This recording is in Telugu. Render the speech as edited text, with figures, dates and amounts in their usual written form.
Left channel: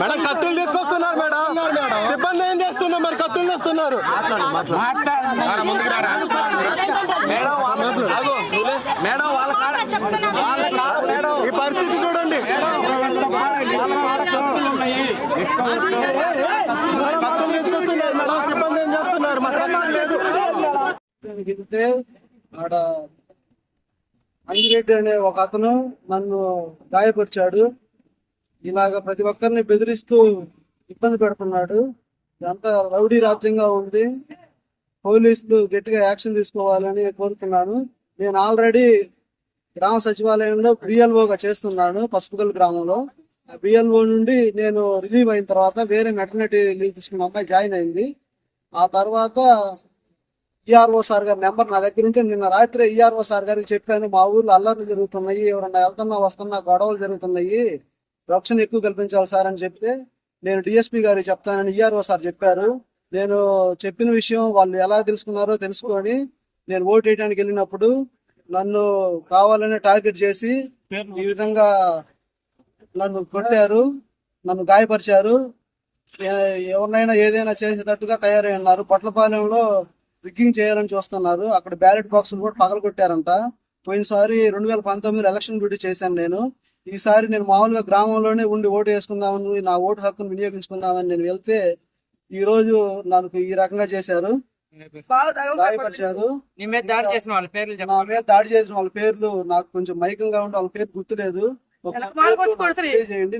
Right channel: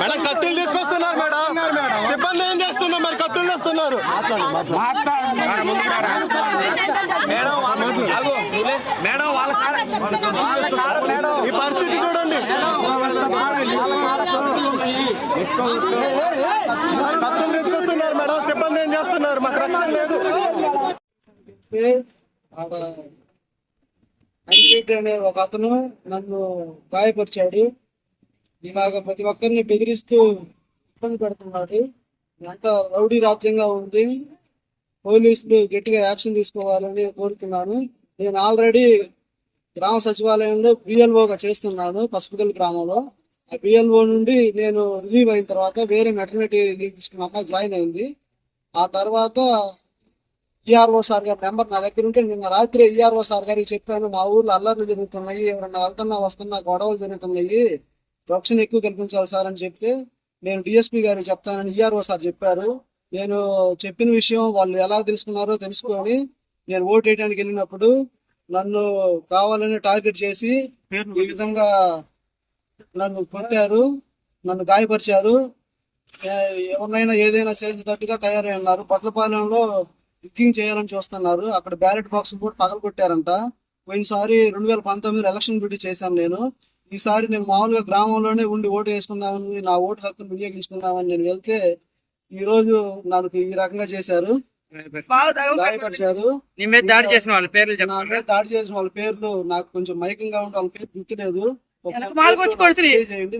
మేడం కత్తులు తీసుకొస్తున్నారు మేడం, సిబ్బంది ఏం చేస్తున్నారు మరి? కత్తులు తెస్తున్నారు. ఈ పరిస్థితి చూడండి, కత్తులు తీసుకొస్తున్నారు మేడం, సిబ్బంది ఏం చేస్తున్నారు? మాకు రక్షణ లేదు. ఆడ అంజిరెడ్డి అనే ఒక అతను నన్ను గాయపరిచాడు. ఇలాగ ప్రతి ఒక్కరిని బెదిరిస్తూ ఇబ్బంది పెడుతున్నాడు. ఇదంతా రౌడీ రాజ్యంగా ఉంది. పోలీసులు గట్టిగా యాక్షన్ తీసుకోవాలని కోరుతున్నాను. నేను ఆల్రెడీ గ్రామ సచివాలయంలో బిఎల్ఓగా చేస్తున్నాను పసుపుగల్ గ్రామంలో. ఆ బిఎల్ఓ నుండి నేను రిలీవ్ అయిన తర్వాత వేరే మెటర్నిటీ లీవ్ తీసుకున్న అమ్మాయి జాయిన్ అయింది. ఆ తర్వాత ఈఆర్ఓ సార్ గారి నెంబర్ నా దగ్గర ఉంటే నిన్న రాత్రి ఈఆర్ఓ సార్ గారికి చెప్పాను, మా ఊర్లో అల్లర్లు జరుగుతున్నాయి, ఎవరన్నా వెళ్తున్నా వస్తున్నా గొడవలు జరుగుతున్నాయి, రక్షణ ఎక్కువ కల్పించాలి సార్ అని చెప్తే, నేను డిఎస్పీ గారికి చెప్తానని ఈఆర్ఓ సార్ చెప్పారు. నేను చెప్పిన విషయం వాళ్ళు ఎలా తెలుసుకున్నారో తెలుసుకొని నేను ఓటు వేయడానికి వెళ్ళినప్పుడు నన్ను కావాలని టార్గెట్ చేసి ఈ విధంగా నన్ను కొట్టారు, నన్ను గాయపరిచారు. ఎవరినైనా ఏదైనా చేసేటట్టుగా తయారై ఉన్నారు. పొట్లపాలెంలో రిగ్గింగ్ చేయాలని చూస్తున్నారు. అక్కడ బ్యాలెట్ బాక్సులు కూడా పగలగొట్టారంట. పోయినసారి 2019 ఎలక్షన్ డ్యూటీ చేశాను నేను. ఈసారి నేను మామూలుగా గ్రామంలోనే ఉండి ఓటు వేసుకుందామని, నా ఓటు హక్కును వినియోగించుకుందామని నేను వెళ్తే ఈ రోజు నాకు ఈ రకంగా చేశారు, గాయపరిచారు. నా మీద దాడి చేసిన వాళ్ళ పేర్లు నాకు కొంచెం మైకంగా ఉండి వాళ్ళ పేరు గుర్తులేదు. చేయండి.